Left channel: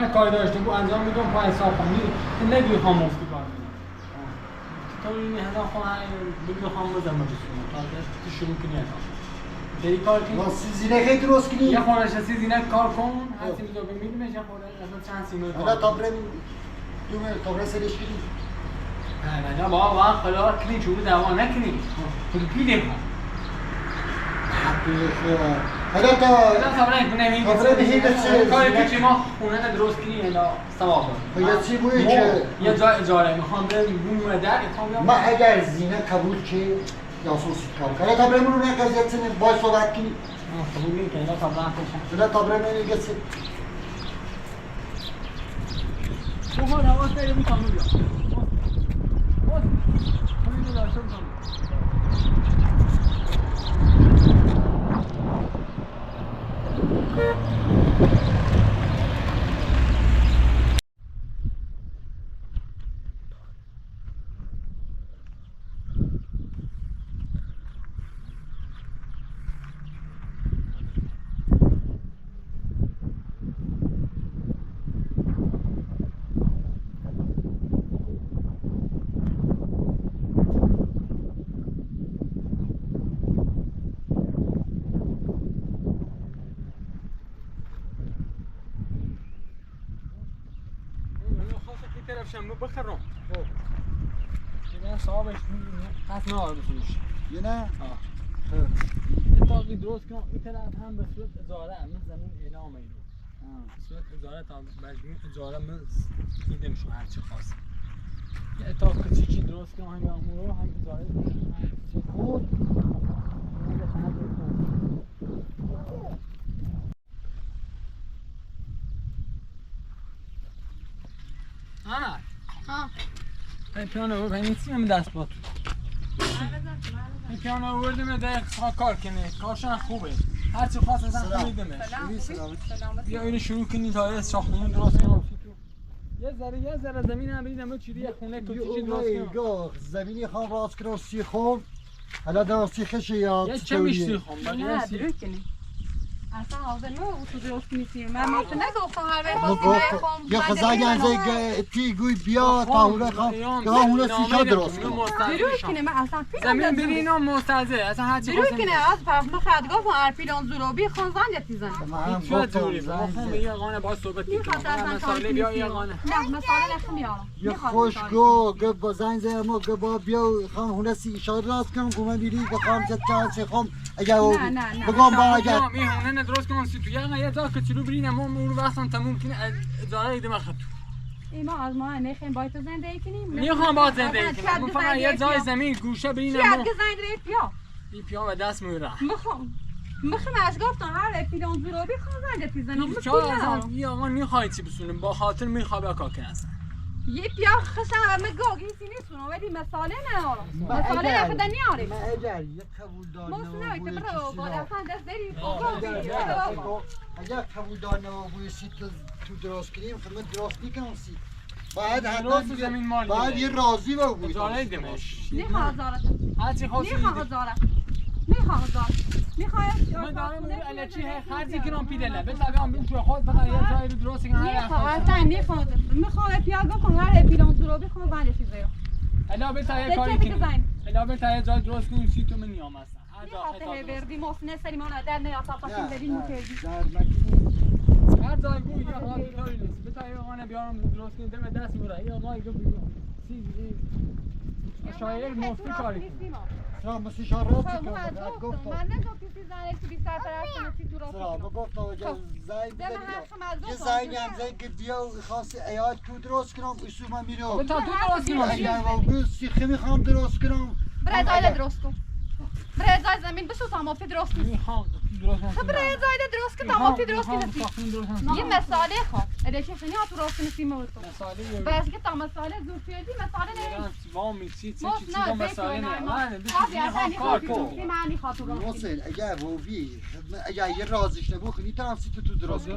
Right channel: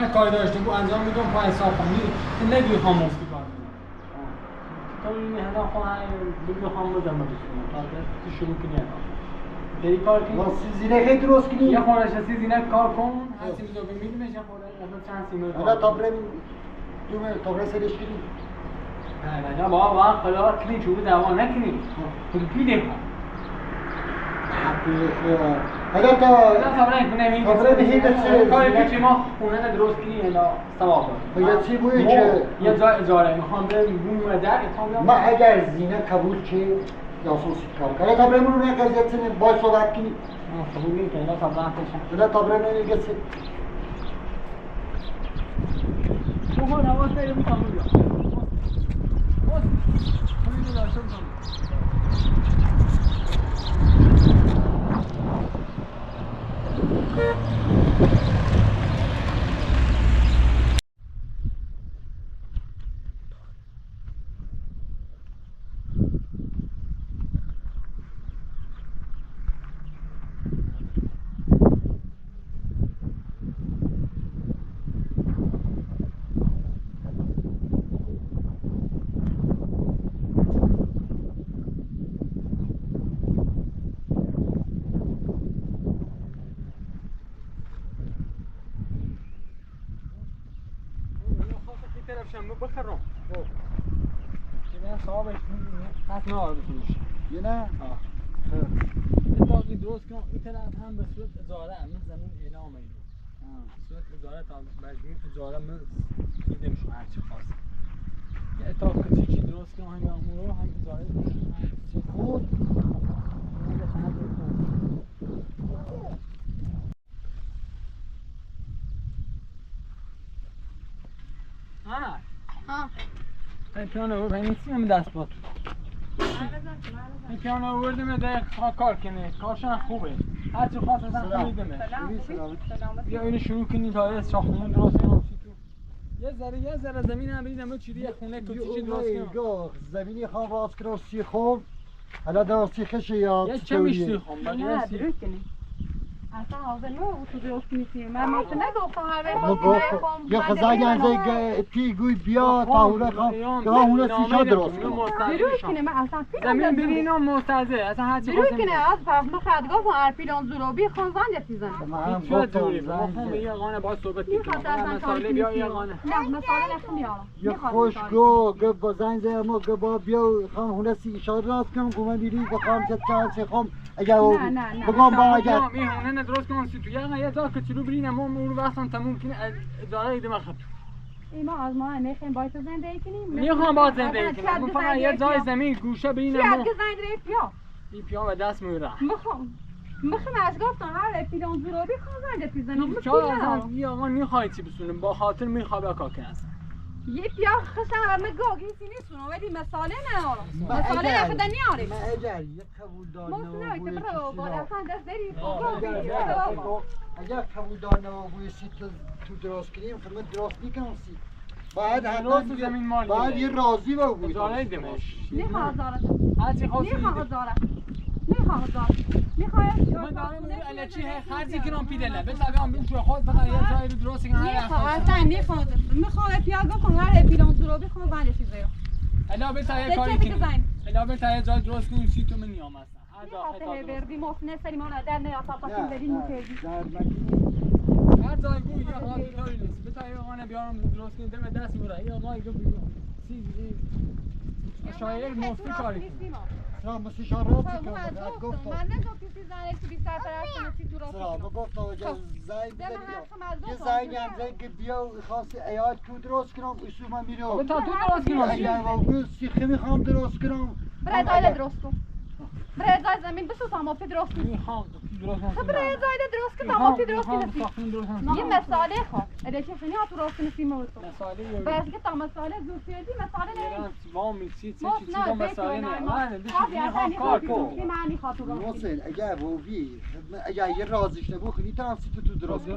هر کاری داشته بود انجام میدم پای حساب کنی نگی خواهم مفتی کار کنم تو این هدف خواهی بگی خواهم بزن بسونه تا شروع کنی هدف بری کار کنی واسه زینه خیلی درست کنی یه خورش هستی زینه کار کن هر سی میدو بمیدیمش یه خورش اصلا چند سی میدو حالا تابره تابره سرش کنی نه بابا خدا کنی چوبه دوام نکنی خود پیده کن حالا تا تابره کنه تابره بهید کاری که ما خونه درست کنی الا ثواب داره یا چی بویی که یه جای اجاره میخوام برم بوم در ما اگر زینه قبول که یا سوسی کار کنه تابره منو نه قضیت سنه باید صحبت کنی قبول نمی کنی تابره کشم حالا تابره منو گسه بخور حواس داری بو کامل بیا باز همین داشته بکنم شنبه بخرم خب یه صاحبش قصد نهار بسونش یه نه؟ اتاقی درست کنم این طرف هم به صورت اجاره من زمین اعلام اینو به صورت اجاره تا مجموع اجاره من دیدم شو هرچی خواست یه اتاق کچیکی درست کنم هم امورو هم اجاره خود این پیانو رو باید نیستی همه دست با تو این پیانو رو بردیم ده کار کنه کارشان خوبه هرچی خواست ازن خمیدمش بیا اینو شروع کنی تا یه ساختمون درست کنم یه ذره زمین هم بریدم چیدی یه خونه کچیچی درست کنم زمینی خواهم راست کنم سی خوب حالا در سیخش یا یه چه میشتی خوب نه درود کنی اصلا حاضر نه تو درست نیستی من تو نگفتم هر وقت خواستیم یا خزاگی از پی گوی بیا تا هونه خواه که هونه سیخا درست کنم درود کنی من اصلا زمین برین و مستعزه اصلا هرچی درود کنی از فرق خد گفتم هر پیلان زروبی خان زنگ تیزن من هم چه گفتم دوری بخوام یه قانه با صحبت کنم مسائل بیا یه قانه نه مسائل نمیارم یه خوشگو گه با زنگ زدم گه با بیا خان هونه سیخا درست کنم گومه بیری بخوام چند سیخم اگر بگم با اگر این هونه درست کنم سی تو یه جا که چلو برینم اون وقتا تموم کنی اجاره ایده من خط ایما از ما نخیم باید تو زندگی کنیم میخوام با زندگی کنم من فقط یه جای زمین گوشه برینم چیه که زنگ رید پیا این پیا و دست میره میخوام از گفتم هر پیلان زروبی خان زنگ تیزن چرا یه آقا میخوای چی بسونیم با خاطر میخوام یا کار کنم یه پیا خشم مگاگی سینیسون ولی مساله ندارم مساله نخدا نیاریم من اگر یه قبول دارم نه که برو با اصلا دست داری اگر قبول دارم بوی سیت تو درست کنیم خدمت درست میکنم سیت باید درست زمین مالی باید یه راضی با بوی اجاره دمش نخواه هزارت هرچی خواستی نخواه هزارت من دارم میگم الکی خرجی کنم پیدله بذارم ببین تو خود فقط یه جایی رو درست کنم میخوام پیا گفتم هر پیلان زروبی خود زنگ چیزه الا بتا یه کاری کنیم الا بتا یه جای درست کنیم سی تو من نیام هستم هر جا خطا بردی مفنه سری ما در نه تاپاشیم بریم موکردی هر جای بود یه حال کاری نیست بتا یه قانه بیارم درست کنیم دم دست میره یا ما یه بیرون سی شایر مفتی کاری کنیم مثل شارات من نگفتم کسی زنه تو 20 طرف چی تو راست گفتم اگه زنگ بزنی یه زنگ هم زنگ که بیا خاص ایاد تو درست کنم اصول من میرم بتا تو درست کنم اگر با سیخی میخوام درست کنم برای زایده درست کن برای زایده زمین بشو تا مافی درست کن خب برای زایده درست کن تا مافی درست کن یه مساله خواه ادیشه خیلی ها تو راست کنی موت کن بس که تا مساله زور پیدی مساله نیست وامی چی چیزا مساله نه اگر ووی اگر یه رازش نبود خیلی طرف سی تو درست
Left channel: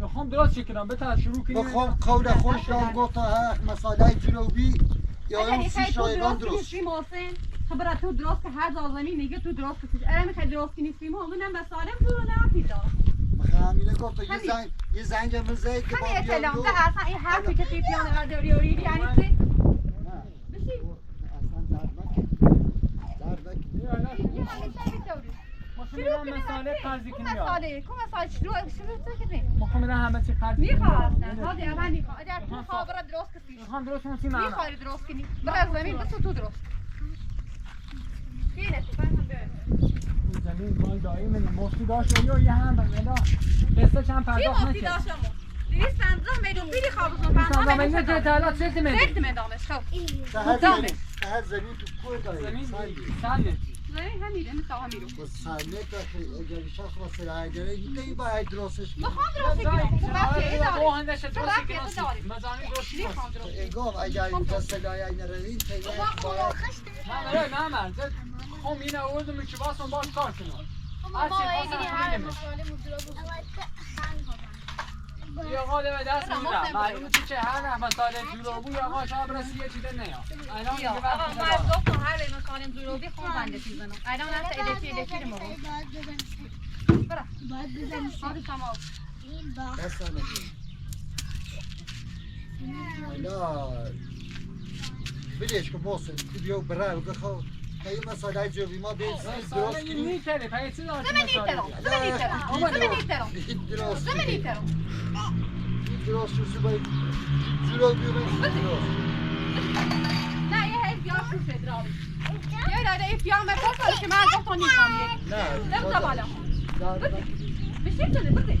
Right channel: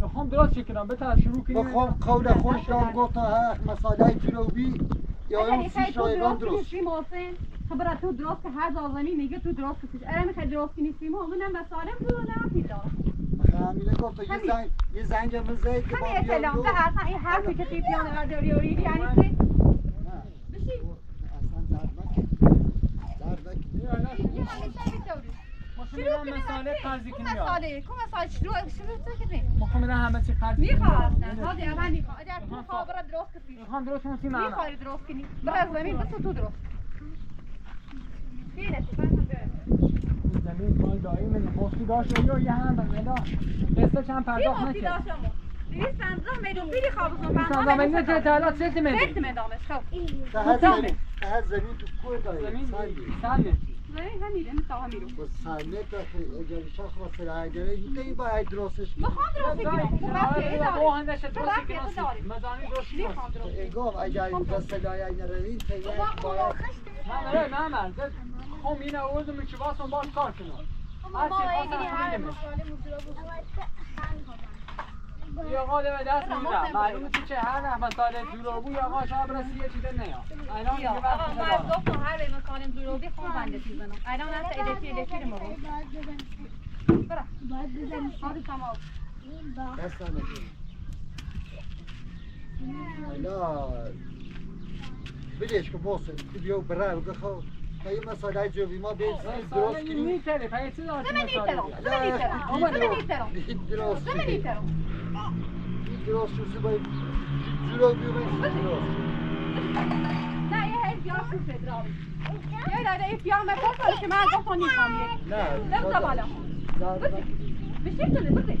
میخوام درست کنم بتا شروع کنیم بخوام قول خوش را گفتم مساله جنوبی یا اون سی شایگان درست خبر تو درست که هر زمین میگه تو درست کسیش اره میخوای درست کنی سیمو اون هم مساله بود نه پیدا همینه گفت یه زنگ مزه که همین اطلاعم ده اصلا این حرفی که توی پیانو برداری یعنی چی؟ بشی اصلا درد نکن مخمه مساله قرضی کنی کو مساله شروع کنی مخمه همه چی قرضی میخواد هادی اول میخواد اگر تو خابره درست کنی میخوام درست کنم سی معنا میخوای درست کنی برای زمین بس تو درست اینه تو فهمم زمین کال دایی من مفتی داشت یا یه هم بنده قصه چند پرداخت نکرد چی مفتی داشت ما 250 میلیون پیری خوابزون 250 میلیون که اطلاعات چه میلیون سخت میدامش خب هر زمین تو کوه داری زمین سنده زمین همینه مثل همیرو سنده که اگر شخص واسه اگره این باید درستش کنی بخوام درست کنم تو بچه داری تو هندش درست کنی مزانی درست میخوام درست ایگام اگر این دست لایه نروین تیه باید نه من خم اینه آوردم که واسم باش کار کنم هر چی خواستم یا آقا به دست میدم معلومه تو چه هر رحمت سال جوروبو یا آقا شب رسی یه چیزه نیاد الان دیگه وقت ما از گفتم هر به مسالم جوروبی خون بنده چیزنم الان هست الکی رو مگو برا هادی تمام دست نکنی حالا بدیش که باسه بیو برای بگه خواه پای مسائل جوبی ما بیل درست کنیم میتره پای چی داشت درست شو باید جلو بیرون درست نه یه هی بیار شو شد راوی یه داده ای بیار مفت که من گفتم نیستم نه نمیدونم بالا بشین شده بده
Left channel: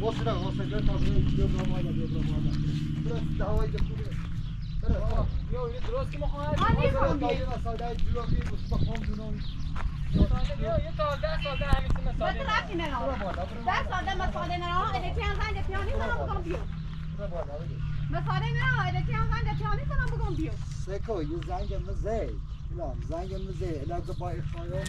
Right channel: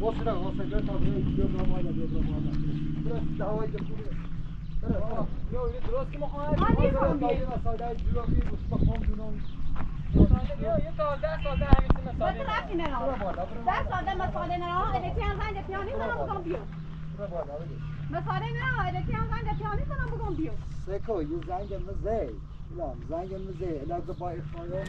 واسه تا بیو برامالا برس دعوای خوبه برس یو درست که مخواد نیستم مسائل جوبی مستقام دونم یه تا 10 سال ده همیشه مسائل بده رفتی نه 10 سال ده مسائل نه الکی هم زنگ پیانی زنم بگم بیو مسائل نه الکی هم زنگ پیانی زنم بگم بیو سکو یه زنگ مزه زنگ مزه علاقه با اخوایان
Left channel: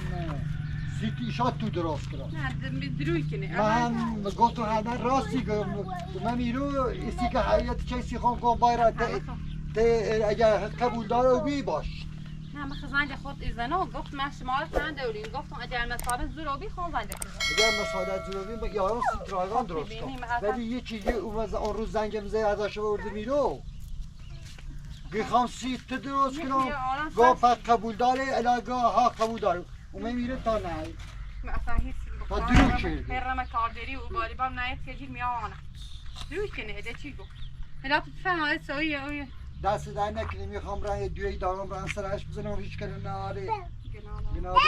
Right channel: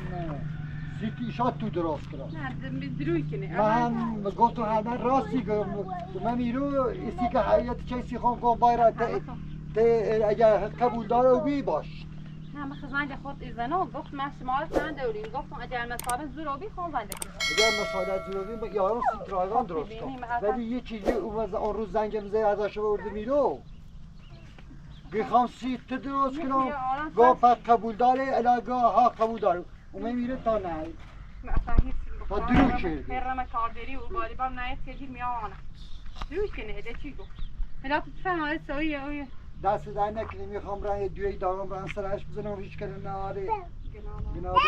سیتی شاد تو درست کرد نه دروی کنه من گفتم همه راستی گفتم من میرو ایسی که حیات کسی خون کن باید اگر قبول داره و بی باش نه من زنگ خود ایزنو گفت من شمال چند دوریم گفتم اگر مسائل زوروبی خون زنگ کنم اگر مسائل زوروبی یارو سیتراگان درست کن ولی یکی اون روز زنگ مزه ازش ورده میرو بخوام سیت درست کنم گفت قبول داره علاقه ها قبول داره اون میره تا نه اصلا هیچ تا درو کرد برم کاردری و بالی بام نیت که گیر میامانه دروی کنه اده چی گفت هلا فهم سویه دست در نکنی میخوام راه دوی دارم راه سرش بزنم هیچ کنه ناره گناه داره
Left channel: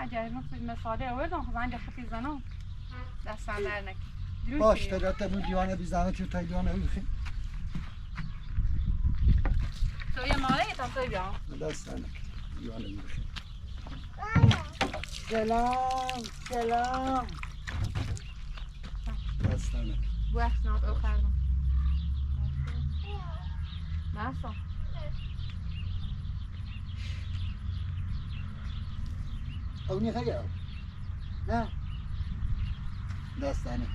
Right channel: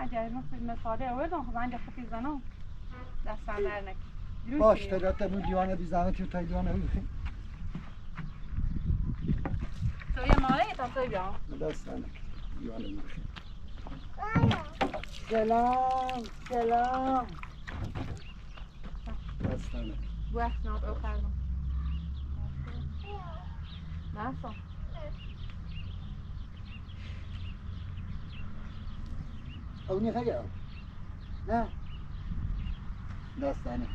اگر مساله آوردم خب زنگ خطی زنم دستم در نکنی باش تا تنو دیوانه بی زحمتی و تا دیوانه بخیم سویه ماله تا سویه بیام دست در نکنی دیوانه بخیم سلام دست در نکنی بو اسناد او کردم ناسا اونی خیلی نه دست در نکنی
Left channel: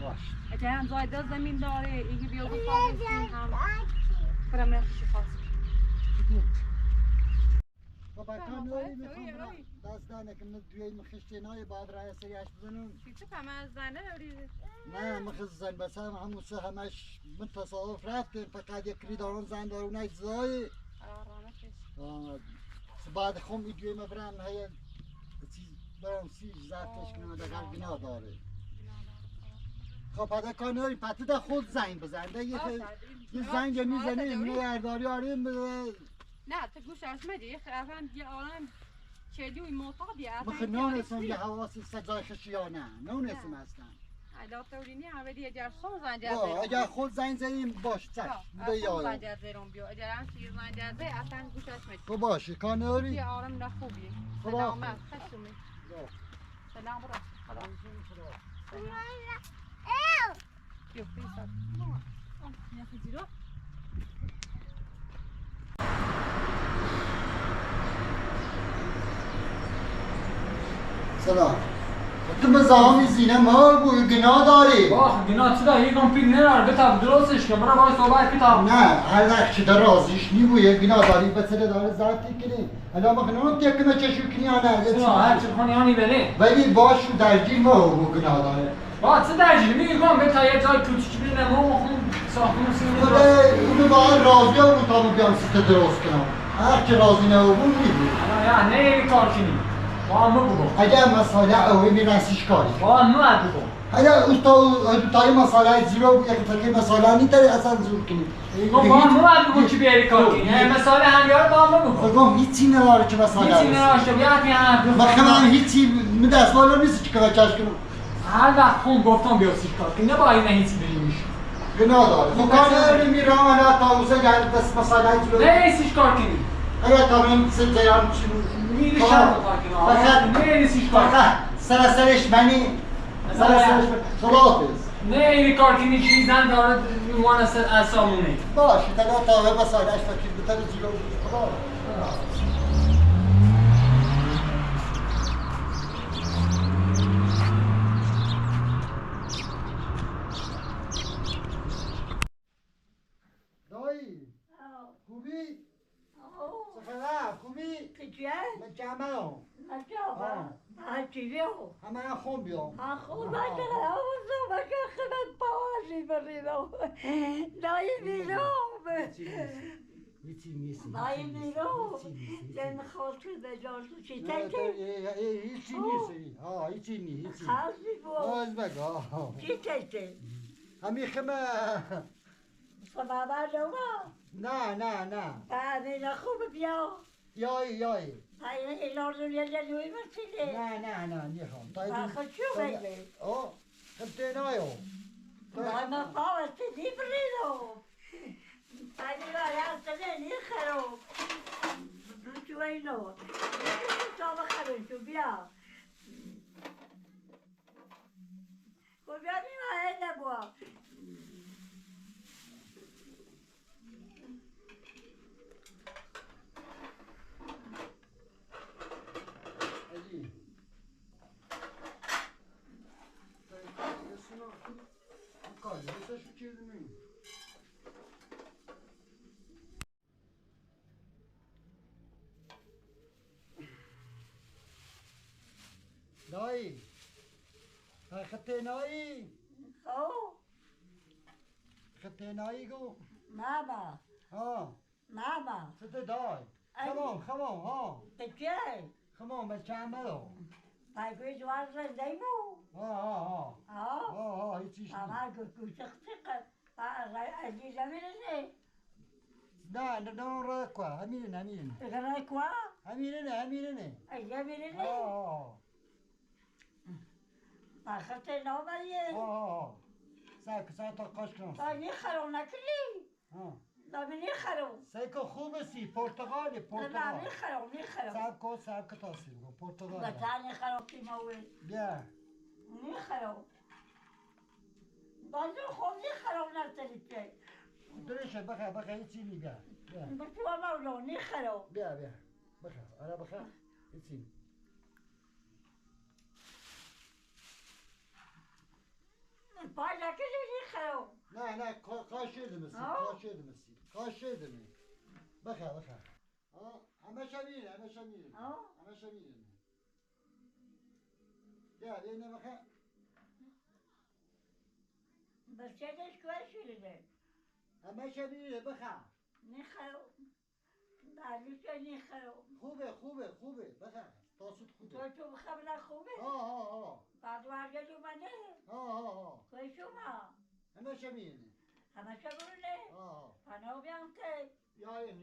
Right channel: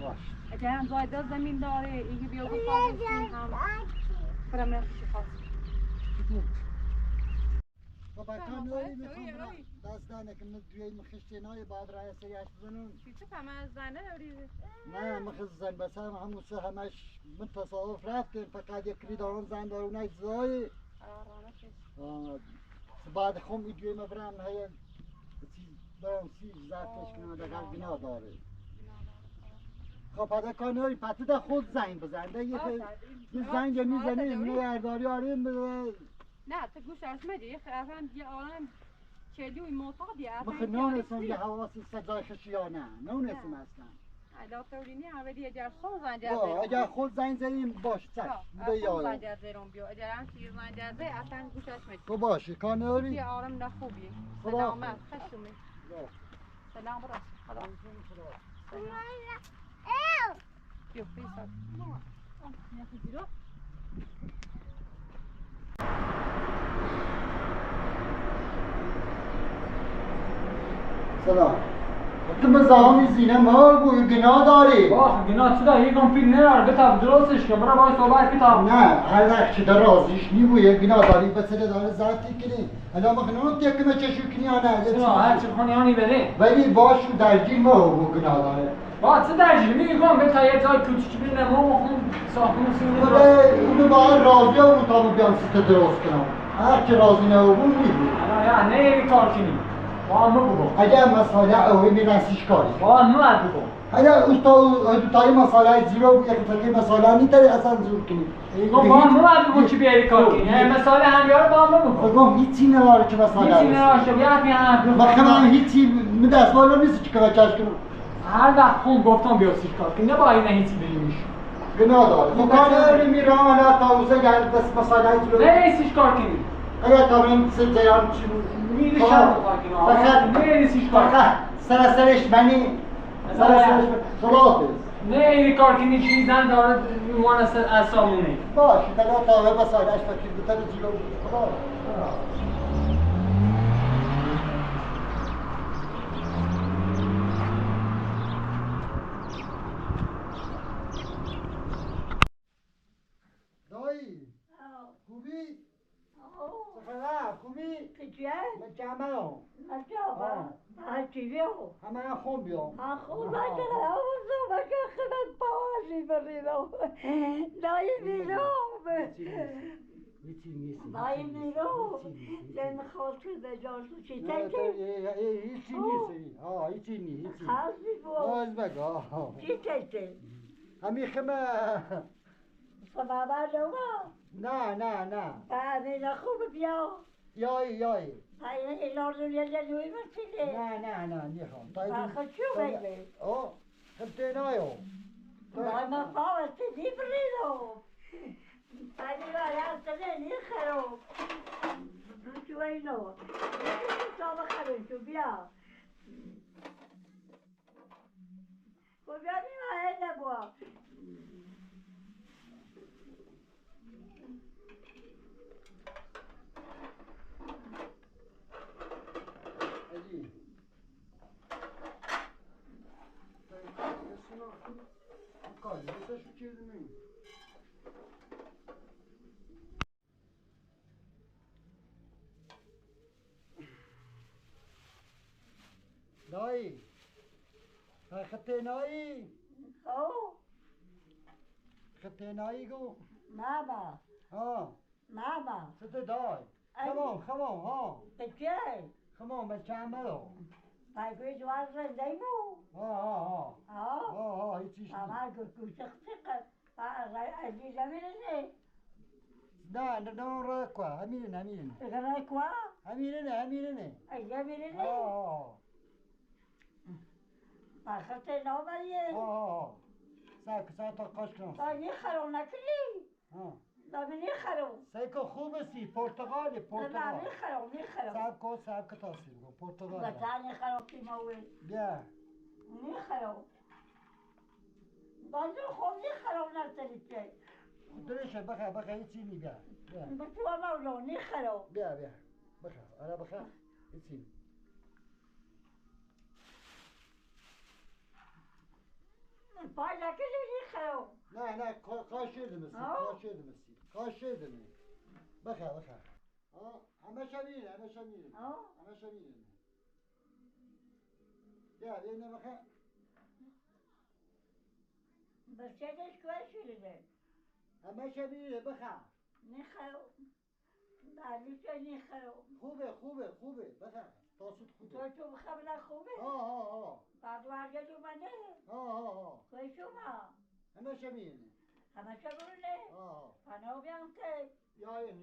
باش اگر هم زایده زمین داره اینکه بیا بخواه هم برم نخشی خواست بابا کانوری میخوام دست در نکنی دوی مخشتینای بعد راه سریعش بزنون چی همه از زنه دوریده نه مخص زن بس همون سه همش من تصادف رفتیم فقط یک کلی دارون زن دارون زای بعد خم ایدوی مبرم هی برام سی زفتش کنم دقیق گناه داره خب پده کانوری پته ده خود زنگ بزنده یه زنگ میزنه نگهداری آریم بده نه تو گوش اشمدی خیلی یه آرام چلیوی معتادی مخ نونستم یه حواسی سجای خشیانه نونستم اصلا ادا تولینی اولی اگر خون زنگ اگر خود زنگ زدیم باش چش بده یا زنگ زدم بیو اگر هم چیز زنگ زده اصلا گوش اشمدی تو باشه کانوری یه آرام نه خوبی سلامت خشمی سلام برا سلام بیو پیسا سلام تو مزاحم زینه ما بود گناه داری باخ گنا چی داری یکم پیل نرار بتاب درستش کن برای باید صحبت کتاب نه هر وقت چه در رازیش نی بود گناه داری بسره داره زرتی کنی حالا مخنون تکنه چشو کنی یا نه هر چی خونی آنی بره ولی باش رو درجی ما بود گناه داره با چه درجی میگم به تا یه جای کوچیک بینه ما خون ساختمون سینه اونو باید راضی بود تا بیام سیت درست کنم هر که راضی نبود میبود یا نه یه کار کنی با هم بگو اگر مسئله اوی میرسیش کاری با هم بگو اگر تای مسئله زیرو بود یک تکی مسئله نیتاری اصلا زور کنی میگم با هم بگو که بیاری کار کنی مسئله هم یار با هم بگو بگم هیچی نداره که مسئله هیچی نراشته بیاد میان بخم هم هیچی دست بالا نیست که بچهش کنم هر وقت خون گفتم بیا سیش کار کنی نه با این هیچی بگیمیش گناه داره تو کار نداری میرم حالا تا اوزه گرد دست مسئله زیرو نه سیش کار کنی اگر تا بریم سه جیان چی میری شب فقط نه سیش کار فقط سرش منی سرش خلافز نه این کار کنی چیزی زن داره میوان از سامونه باشه تا به مسئلهش فکر بتر زیرو خدا دایی خوبی؟ سفره خوبی؟ مجمع همه خون بیام هیچی نیست هیچی نیست باز بگو همین خمه نه یایی نه نیخوام خبته نایو دایی خطه نایی گو سته دای خمام بچه عملو هیچیش نه را کوا همینه ساعت تا قاش کنم سیکو خوبه سی پرتغالی سب که تاثیر کن پرتغال بیا درشه بخیر هیچی نی بیا بخیر آره بخیر هیچی نه کاشیدم بخیر همه شمیره بیا اینه بخیر همه شمیره بخیر خوبه بخیر تاسود خوبه همه شمیره یاین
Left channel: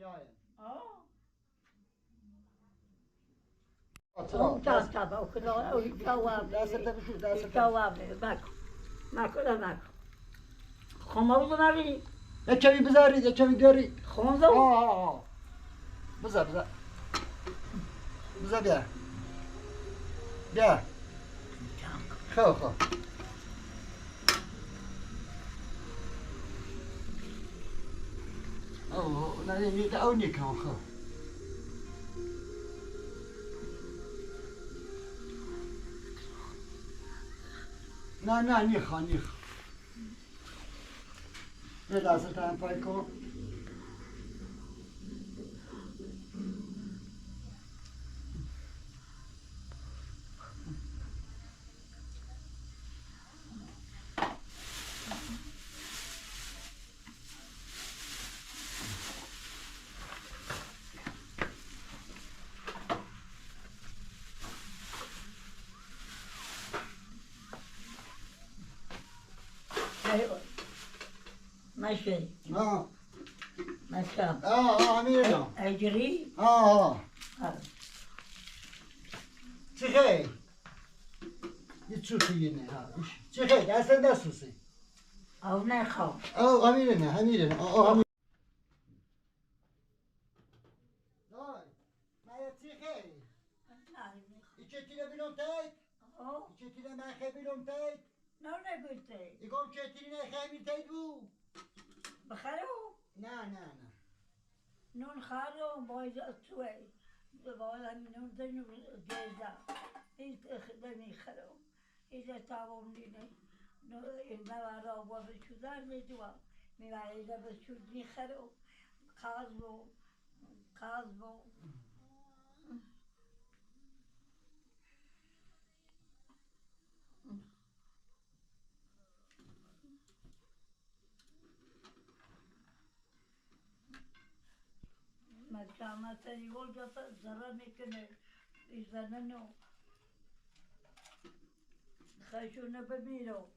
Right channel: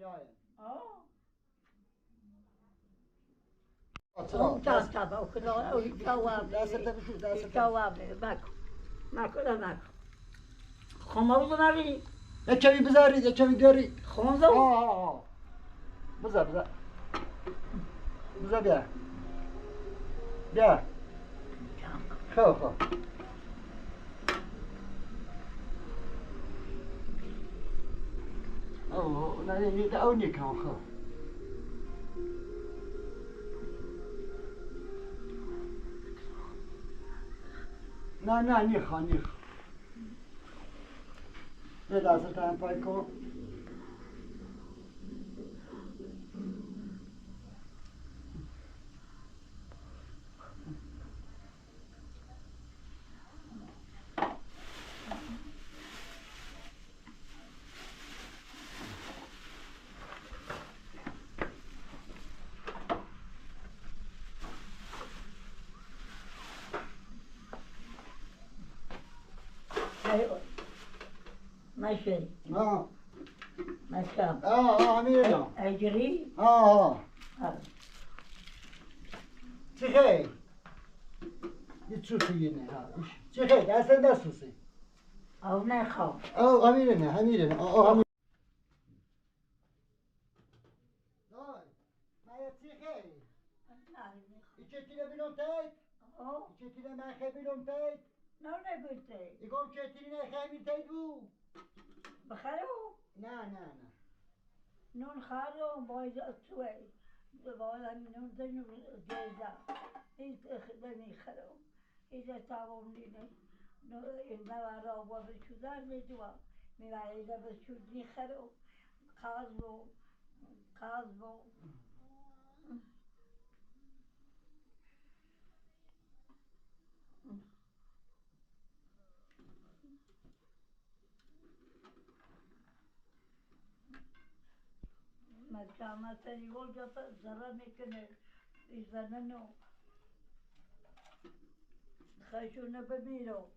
یک کمی بذارید یک کمی گرید بذار بیا خواه نه او نیکم خواه نه نیخوان یه لحظه تایم پای کن ماشي آه ماشي أميرنا اجري چی خیلی؟ یه چوخی نه چی خیلی؟ اصلا نسوسی او نخواه امیرنا امیر چی خیلی؟ ایچه تیره بیرون تایت؟ ایچه تیره مخه بیرون تایت؟ نه نگوته ایگم چه تیره نخه بیر تایت بو؟ بخرو نه نون خارو باید توی باید همین نون دنو جیزا این خدمی خرو ایزا تاوم دینه این نوارا و بشودار میدوا میواری دا بشود میخرو کازبو مثلا یول جاتا زرا میکنه ایزا ننو خشونه بمیرو